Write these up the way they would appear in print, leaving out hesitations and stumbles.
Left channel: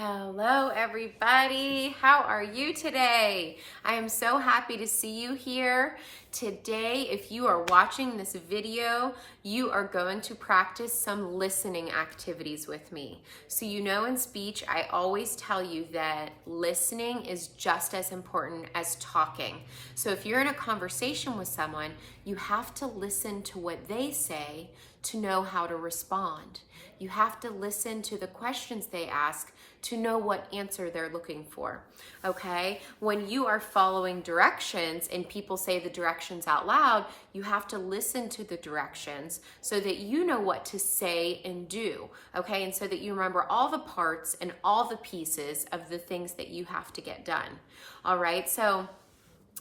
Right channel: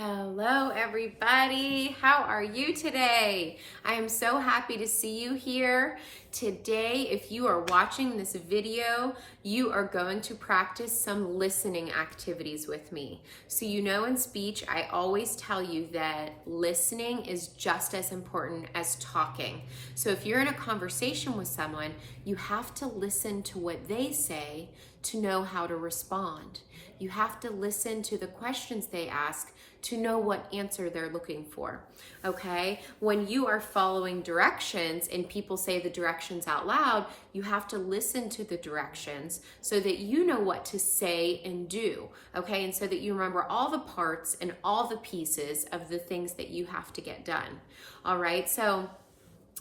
Hello, everybody. How are you today? I am so happy to see you here. Today, if you are watching this video, you are going to practice some listening activities with me. So you know in speech, I always tell you that listening is just as important as talking. So if you're in a conversation with someone, you have to listen to what they say to know how to respond. You have to listen to the questions they ask to know what answer they're looking for, okay? When you are following directions and people say the directions out loud, you have to listen to the directions so that you know what to say and do, okay? And so that you remember all the parts and all the pieces of the things that you have to get done, all right? So,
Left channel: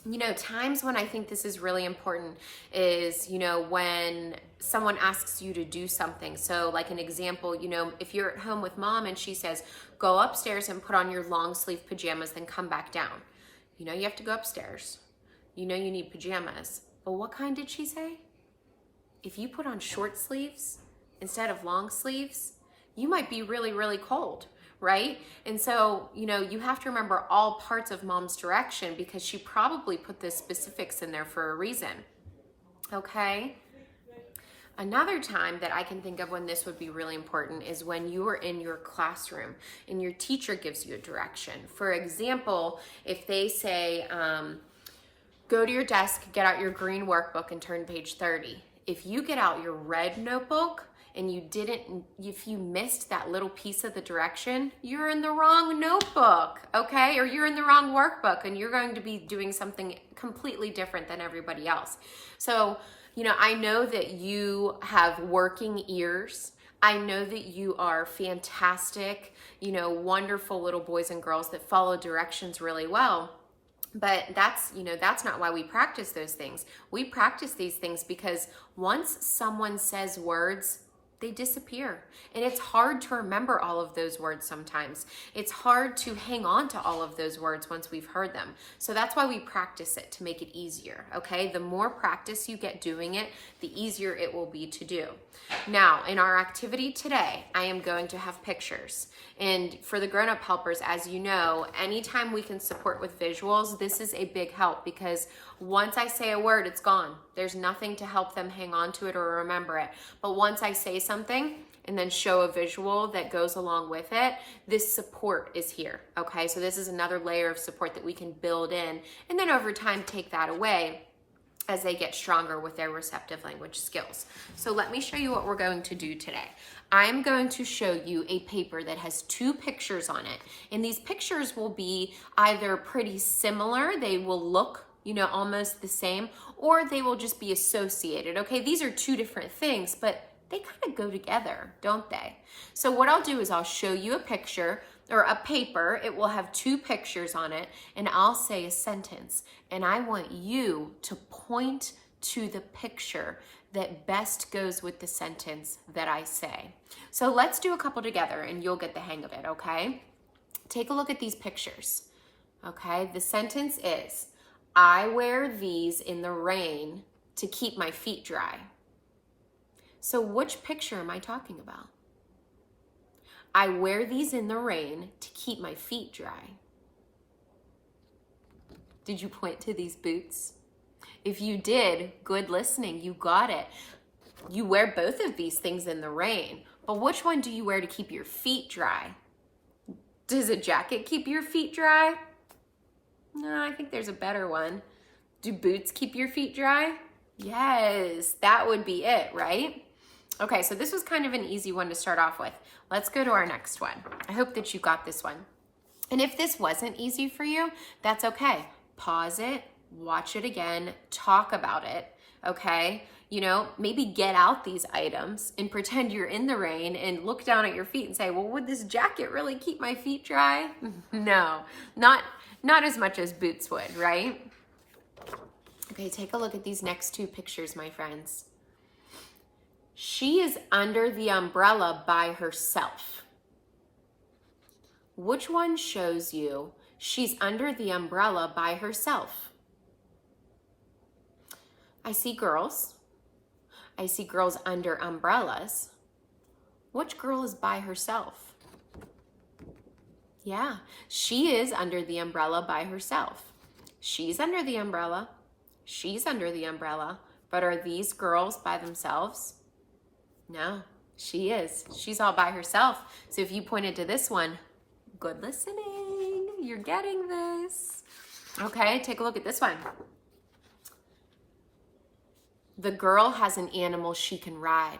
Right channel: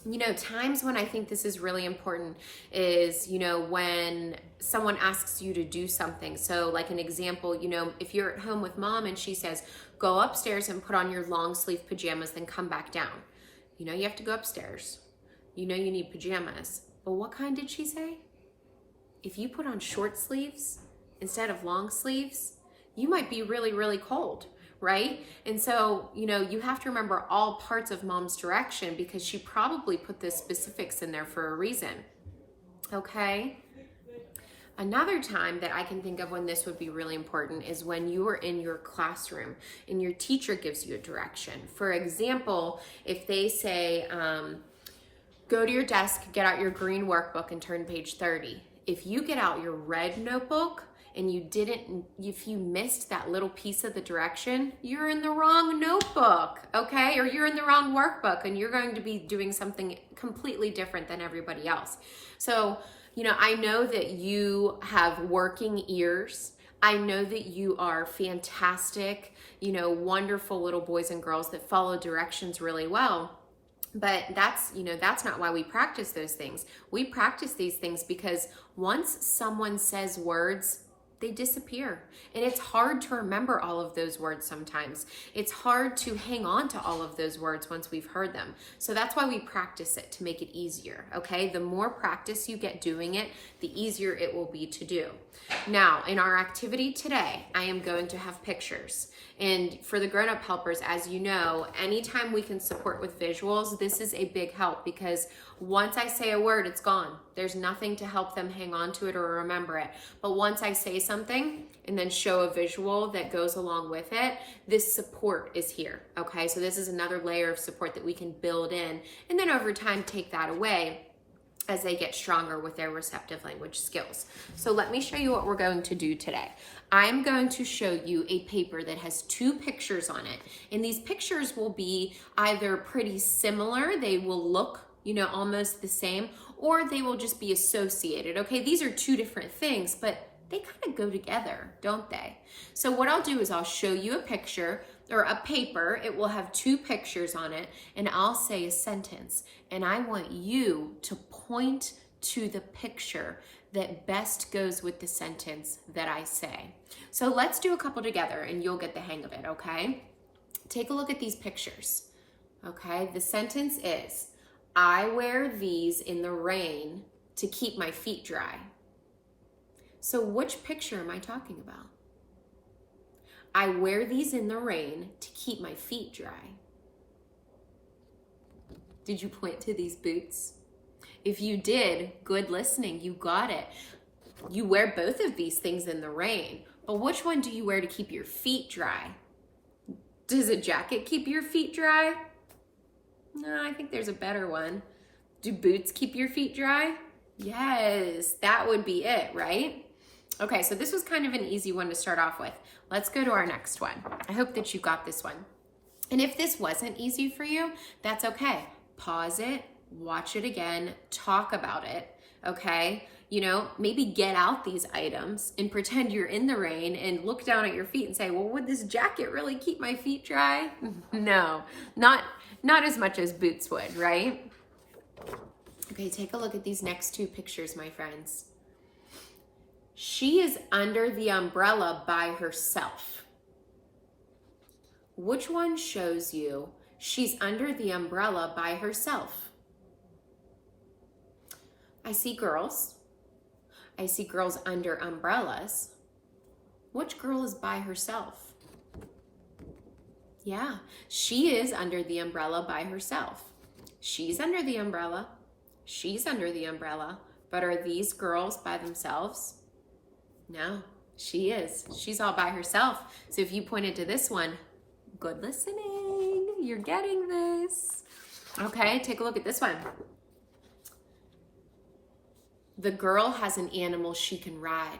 you know, times when I think this is really important is, you know, when someone asks you to do something. So like an example, you know, if you're at home with mom and she says, go upstairs and put on your long sleeve pajamas, then come back down. You know, you have to go upstairs. You know, you need pajamas. But what kind did she say? If you put on short sleeves instead of long sleeves, you might be really, really cold, right? And so, you know, you have to remember all parts of mom's direction because she probably put the specifics in there for a reason, okay? Another time that I can think of when this would be really important is when you are in your classroom and your teacher gives you a direction. For example, if they say, go to your desk, get out your green workbook and turn to page 30. If you get out your red notebook and if you missed that little piece of the direction, you're in the wrong notebook, okay? Or you're in the wrong workbook and you're going to be doing something completely different than everybody else. So, you know, I know that you have working ears. I know that you are fantastic, you know, wonderful little boys and girls that follow directions really well. But that's not why we practice those things. We practice these things because once someone says words, they disappear. And it's hard to remember all of those words sometimes. It's hard to hang on to all of those words once we've heard them. So that's why we practice it, to make it easier, okay? The more practice you get doing it, the easier it will be to do. Now, in our activity today, I am going to have pictures. And for the grown-up helpers, as you know, anytime we can support with visuals, this is a big help because once I say a word, it's gone. There's nothing to help them hang on to it or remember it. But once I say something and then show a visual that goes along with it, this support is here, okay? So this is another layer of support that we can build in and then over time take that away as they get stronger with their receptive language skills. So let me show you what we're going to do today. I'm going to show you a paper that has 2 pictures on it. And these pictures will be either pretty similar, they will look, you know, almost the same, or they will just be associated, okay? These are 2 different things, but they kind of go together, don't they? So what I'll do is I'll show you a picture or a paper. It will have 2 pictures on it, and I'll say a sentence. And I want you to point to the picture that best goes with the sentence that I say. So let's do a couple together and you'll get the hang of it, okay? Take a look at these pictures, okay? The sentence is, I wear these in the rain to keep my feet dry. So which picture am I talking about? I wear these in the rain to keep my feet dry. Did you point to these boots? If you did, good listening, you got it. You wear both of these things in the rain, but which one do you wear to keep your feet dry? Does a jacket keep your feet dry? No, I think there's a better one. Do boots keep your feet dry? Yes, that would be it, right? Okay, so this was kind of an easy one to start off with. Let's go to our next one. I hope that you got this one. And if this wasn't easy for you, that's okay. Pause it, watch it again, talk about it, okay? You know, maybe get out these items and pretend you're in the rain and look down at your feet and say, well, would this jacket really keep my feet dry? No, not as much as boots would, right? Okay, take a look at these next 2 pictures, my friends. She is under the umbrella by herself. Which one shows you she's under the umbrella by herself? I see girls. I see girls under umbrellas. Which girl is by herself? Yeah, she is under the umbrella by herself. She's under the umbrella. She's under the umbrella. But are these girls by themselves? No, she is. She's all by herself. So if you pointed to this one, good listening. You're getting this. Okay, take a look at this one. The girl has an animal she can ride.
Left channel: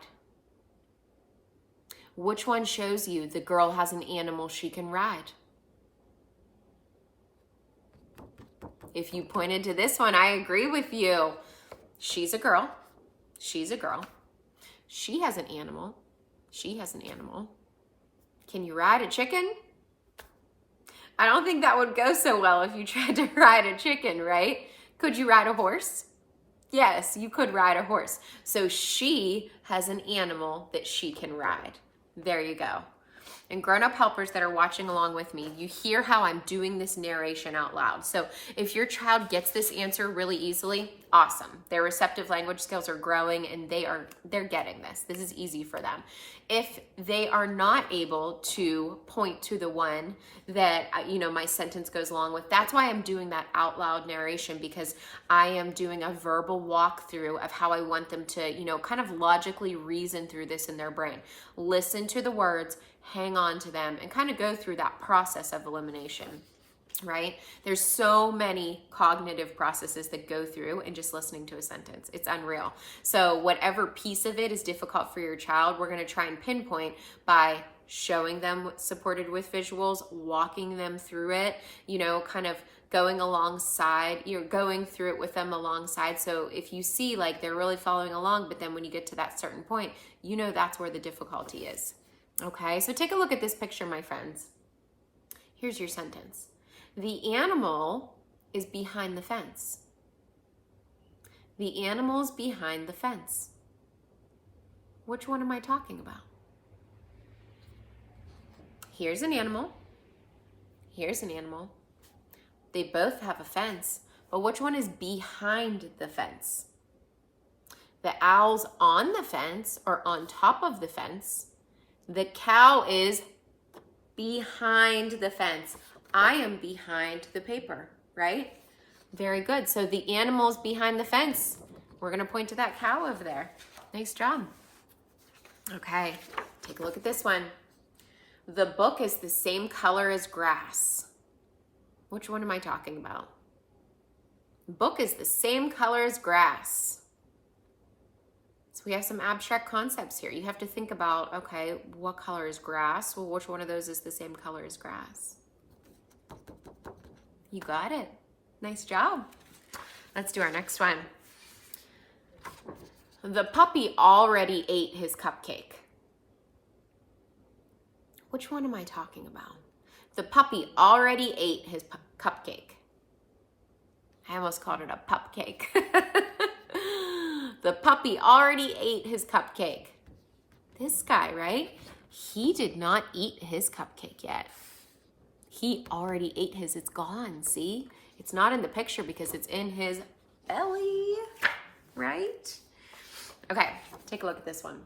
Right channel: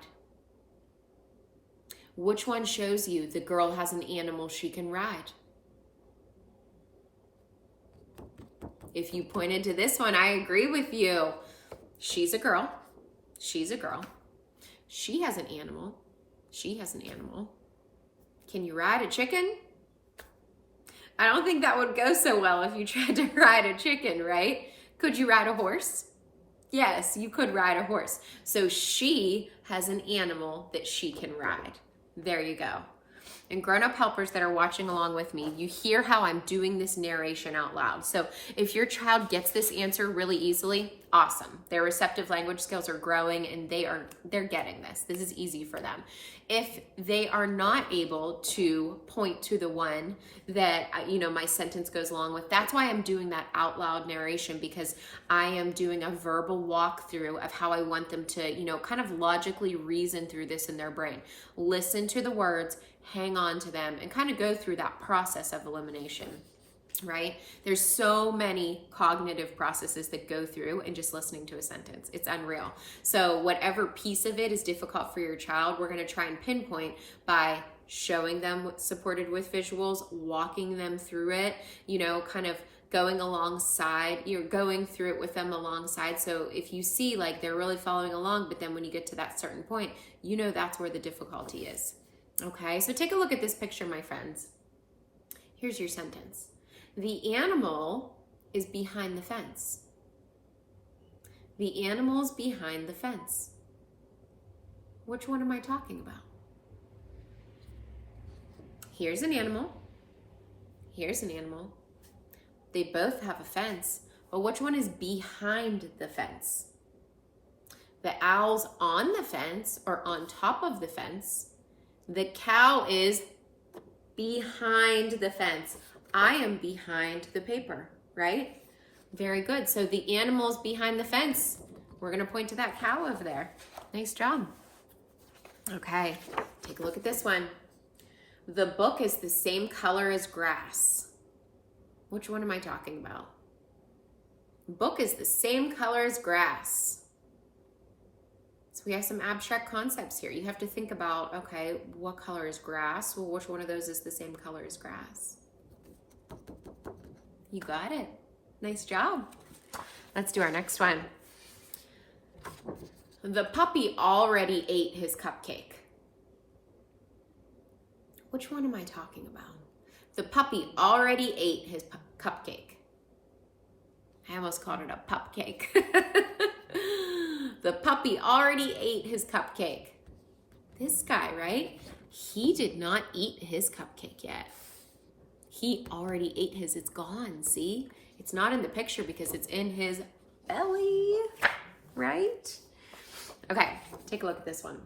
Which one shows you the girl has an animal she can ride? If you pointed to this one, I agree with you. She's a girl. She's a girl. She has an animal. She has an animal. Can you ride a chicken? I don't think that would go so well if you tried to ride a chicken, right? Could you ride a horse? Yes, you could ride a horse. So she has an animal that she can ride. There you go. And grown-up helpers that are watching along with me, you hear how I'm doing this narration out loud. So if your child gets this answer really easily, awesome. Their receptive language skills are growing and they're getting this. This is easy for them. If they are not able to point to the one that, my sentence goes along with, that's why I'm doing that out loud narration, because I am doing a verbal walkthrough of how I want them to, kind of logically reason through this in their brain. Listen to the words, hang on to them, and kind of go through that process of elimination, right? There's so many cognitive processes that go through in just listening to a sentence. It's unreal. So whatever piece of it is difficult for your child, we're going to try and pinpoint by showing them what's supported with visuals, walking them through it, kind of going alongside, going through it with them alongside. So if you see like they're really following along, but then when you get to that certain point, that's where the difficulty is. Okay, so take a look at this picture, my friends. Here's your sentence. The animal is behind the fence. The animal's behind the fence. Which one am I talking about? Here's an animal. Here's an animal. They both have a fence, but which one is behind the fence? The owl's on the fence or on top of the fence. The cow is behind the fence. I am behind the paper, right? Very good. So the animal's behind the fence. We're going to point to that cow over there. Nice job. Okay, take a look at this one. The book is the same color as grass. Which one am I talking about? The book is the same color as grass. So we have some abstract concepts here. You have to think about, okay, what color is grass? Well, which one of those is the same color as grass? You got it. Nice job. Let's do our next one. The puppy already ate his cupcake. Which one am I talking about? The puppy already ate his cupcake. I almost called it a pupcake. The puppy already ate his cupcake. This guy, right? He did not eat his cupcake yet. He already ate his. It's gone, see? It's not in the picture because it's in his belly, right? Okay, take a look at this one.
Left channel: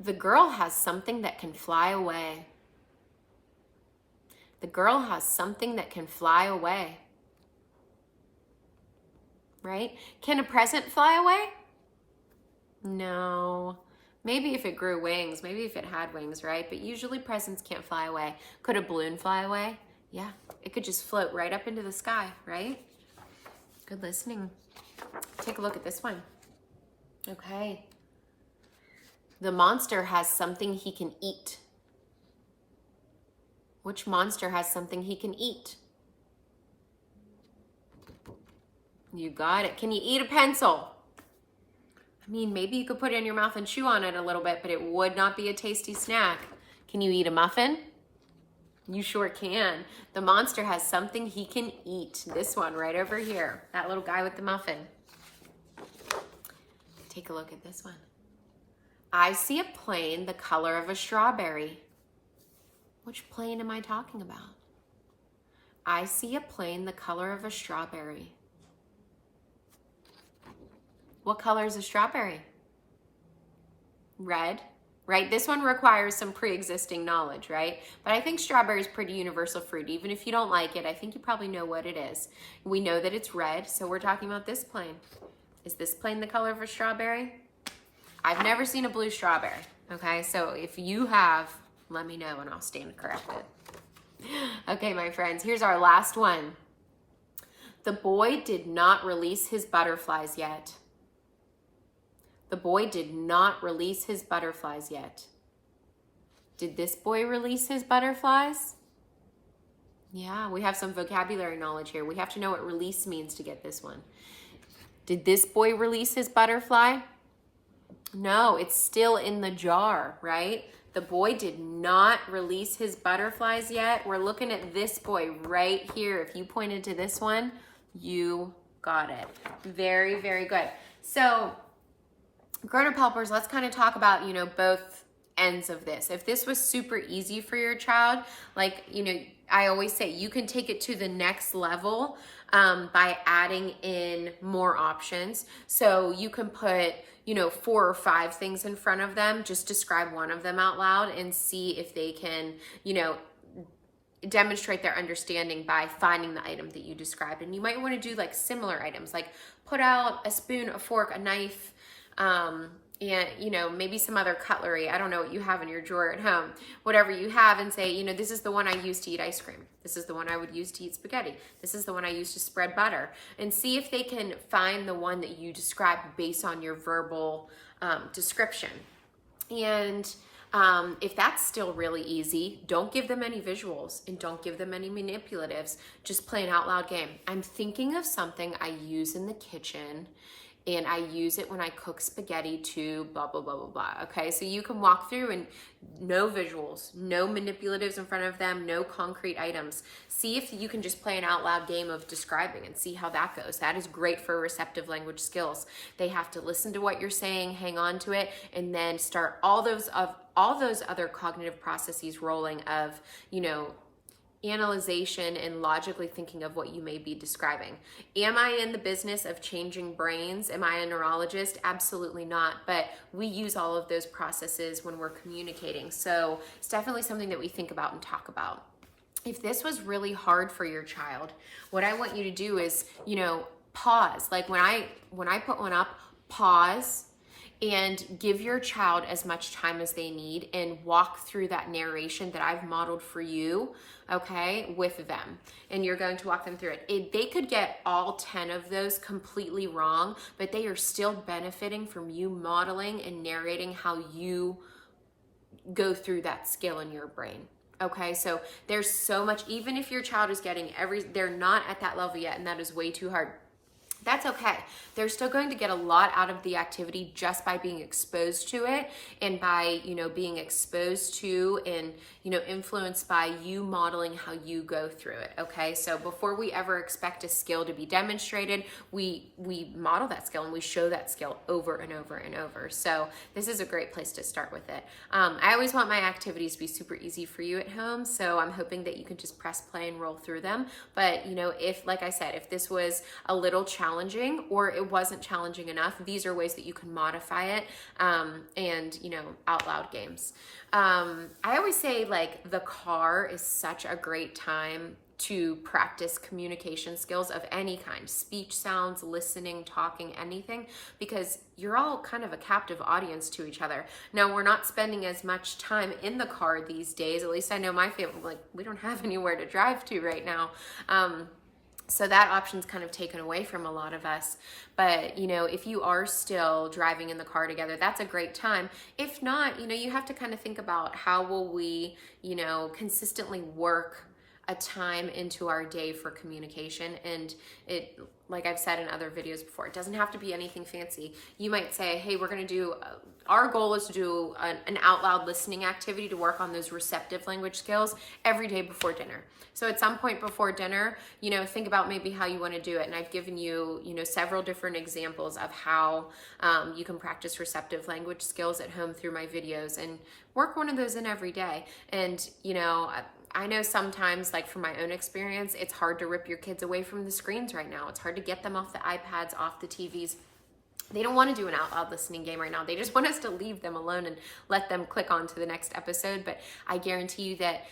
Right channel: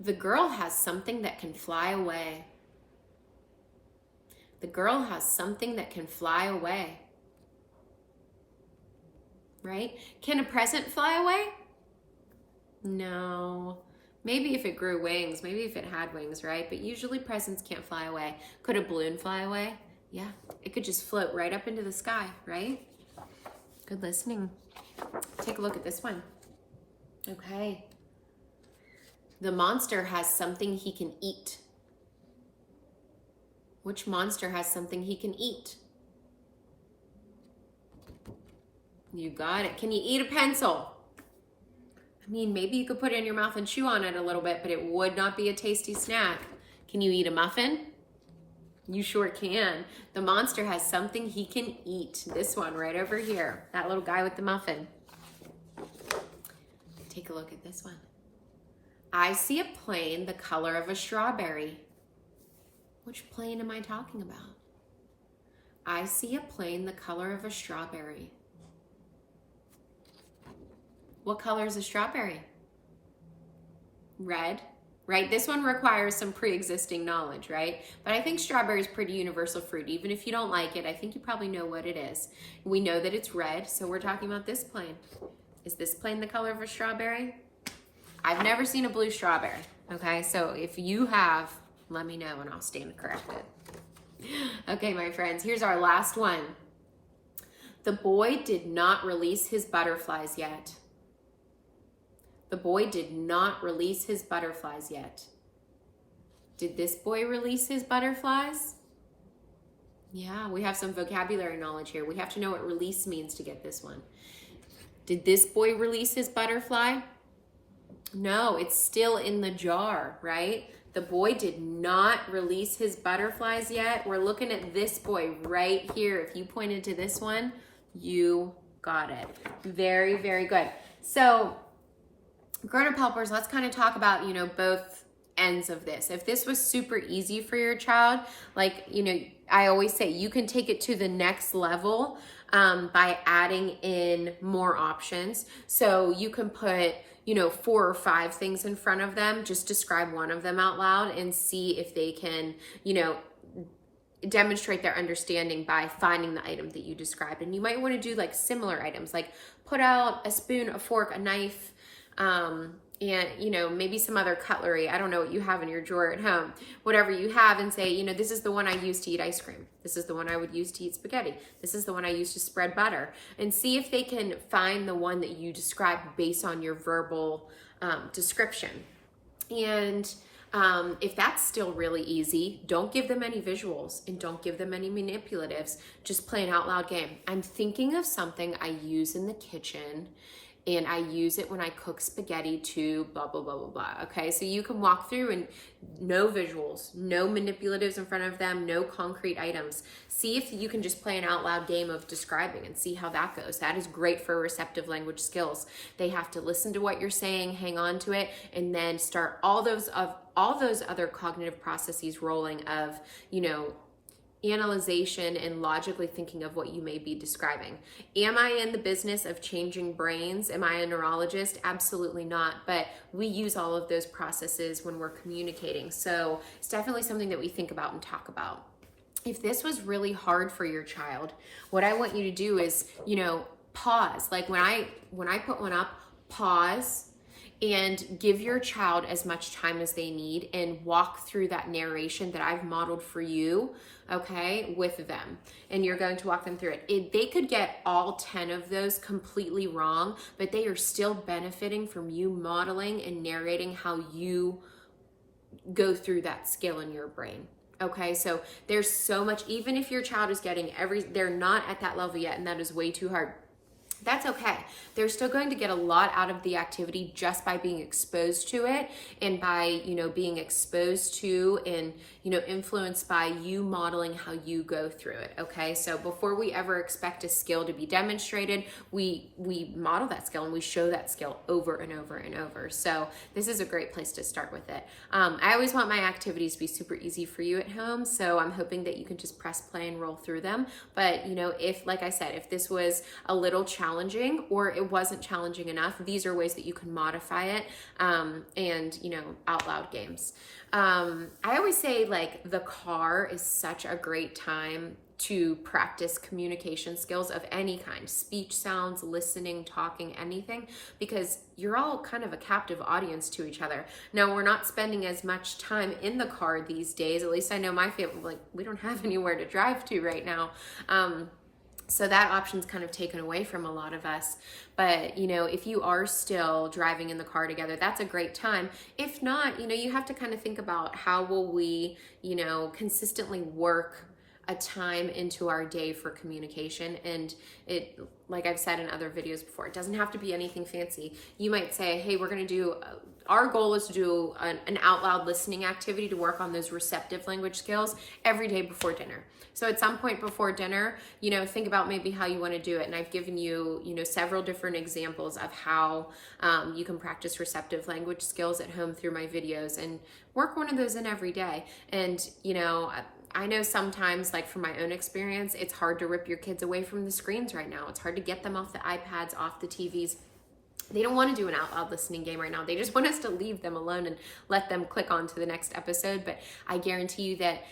The girl has something that can fly away. The girl has something that can fly away. Right? Can a present fly away? No. Maybe if it grew wings, maybe if it had wings, right? But usually presents can't fly away. Could a balloon fly away? Yeah. It could just float right up into the sky, right? Good listening. Take a look at this one. Okay. The monster has something he can eat. Which monster has something he can eat? You got it. Can you eat a pencil? I mean, maybe you could put it in your mouth and chew on it a little bit, but it would not be a tasty snack. Can you eat a muffin? You sure can. The monster has something he can eat. This one right over here. That little guy with the muffin. Take a look at this one. I see a plane the color of a strawberry. Which plane am I talking about? I see a plane the color of a strawberry. What color is a strawberry? Red, right? This one requires some pre-existing knowledge, right? But I think strawberry is pretty universal fruit. Even if you don't like it, I think you probably know what it is. We know that it's red, so we're talking about this plane. Is this plane the color of a strawberry? I've never seen a blue strawberry, okay? So if you have, let me know and I'll stand corrected. Okay, my friends, here's our last one. The boy did not release his butterflies yet. The boy did not release his butterflies yet. Did this boy release his butterflies? Yeah, we have some vocabulary knowledge here. We have to know what release means to get this one. Did this boy release his butterfly? No, it's still in the jar, right? The boy did not release his butterflies yet. We're looking at this boy right here. If you pointed to this one, you got it. Very, very good. So, grown-up helpers, let's kind of talk about, both ends of this. If this was super easy for your child, like, I always say you can take it to the next level by adding in more options. So you can put, 4 or 5 things in front of them, just describe one of them out loud and see if they can, demonstrate their understanding by finding the item that you described. And you might want to do like similar items, like put out a spoon, a fork, a knife, and maybe some other cutlery. I don't know what you have in your drawer at home, whatever you have, and say, this is the one I use to eat ice cream. This is the one I would use to eat spaghetti. This is the one I use to spread butter. And see if they can find the one that you described based on your verbal description. And if that's still really easy, don't give them any visuals and don't give them any manipulatives. Just play an out loud game. I'm thinking of something I use in the kitchen, and I use it when I cook spaghetti to blah, blah, blah, blah, blah. Okay, so you can walk through and no visuals, no manipulatives in front of them, no concrete items. See if you can just play an out loud game of describing and see how that goes. That is great for receptive language skills. They have to listen to what you're saying, hang on to it, and then start all those other cognitive processes rolling of, analyzation and logically thinking of what you may be describing. Am I in the business of changing brains? Am I a neurologist? Absolutely not. But we use all of those processes when we're communicating. So it's definitely something that we think about and talk about. If this was really hard for your child, what I want you to do is, pause. Like when I put one up, pause and give your child as much time as they need and walk through that narration that I've modeled for you, okay, with them. And you're going to walk them through it. They could get all 10 of those completely wrong, but they are still benefiting from you modeling and narrating how you go through that skill in your brain. Okay, so there's so much, even if your child is getting they're not at that level yet and that is way too hard. That's okay. They're still going to get a lot out of the activity just by being exposed to it and by, being exposed to and, influenced by you modeling how you go through it. Okay. So before we ever expect a skill to be demonstrated, we model that skill and we show that skill over and over and over. So this is a great place to start with it. I always want my activities to be super easy for you at home. So I'm hoping that you can just press play and roll through them. But, if, like I said, if this was a little challenging or it wasn't challenging enough, these are ways that you can modify it and out loud games. I always say like the car is such a great time to practice communication skills of any kind, speech, sounds, listening, talking, anything, because you're all kind of a captive audience to each other. Now, we're not spending as much time in the car these days. At least I know my family, like we don't have anywhere to drive to right now. So that option's kind of taken away from a lot of us. But, if you are still driving in the car together, that's a great time. If not, you have to kind of think about how will we, consistently work a time into our day for communication. And it, like I've said in other videos before, it doesn't have to be anything fancy. You might say, hey, we're going to do, our goal is to do an out loud listening activity to work on those receptive language skills every day before dinner. So at some point before dinner, think about maybe how you want to do it. And I've given you, several different examples of how you can practice receptive language skills at home through my videos and work one of those in every day. And, I know sometimes, like from my own experience, it's hard to rip your kids away from the screens right now. It's hard to get them off the iPads, off the TVs. they don't want to do an out loud listening game right now. They just want us to leave them alone and let them click on to the next episode. But I guarantee you that,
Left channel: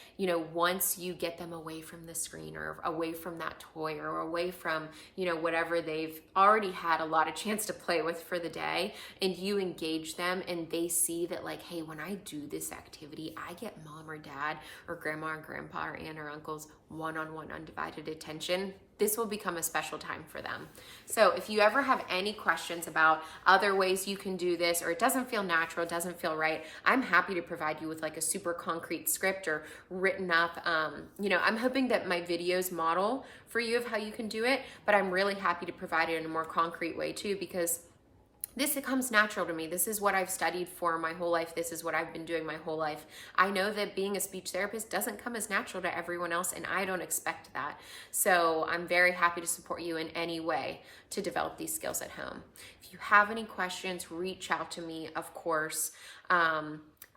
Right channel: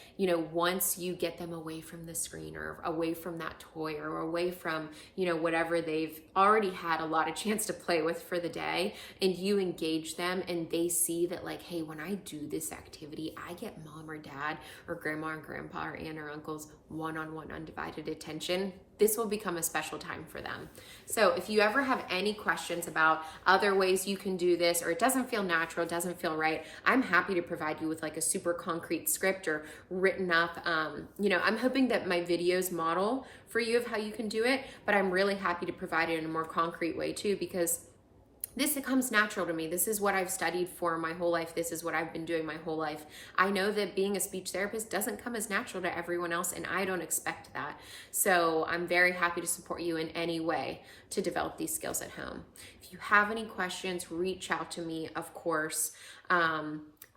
once you get them away from the screen or away from that toy or away from, whatever they've already had a lot of chance to play with for the day, and you engage them and they see that like, hey, when I do this activity, I get mom or dad or grandma or grandpa or aunt or uncle's one-on-one undivided attention. This will become a special time for them. So if you ever have any questions about other ways you can do this, or it doesn't feel natural, doesn't feel right, I'm happy to provide you with like a super concrete script or written up. I'm hoping that my videos model for you of how you can do it, but I'm really happy to provide it in a more concrete way too, because this comes natural to me. This is what I've studied for my whole life. This is what I've been doing my whole life. I know that being a speech therapist doesn't come as natural to everyone else, and I don't expect that. So I'm very happy to support you in any way to develop these skills at home. If you have any questions, reach out to me, of course.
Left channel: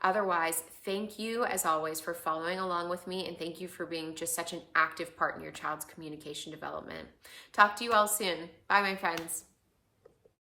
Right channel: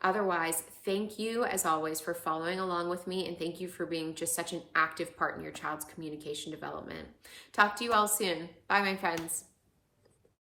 Otherwise, thank you as always for following along with me, and thank you for being just such an active part in your child's communication development. Talk to you all soon. Bye, my friends.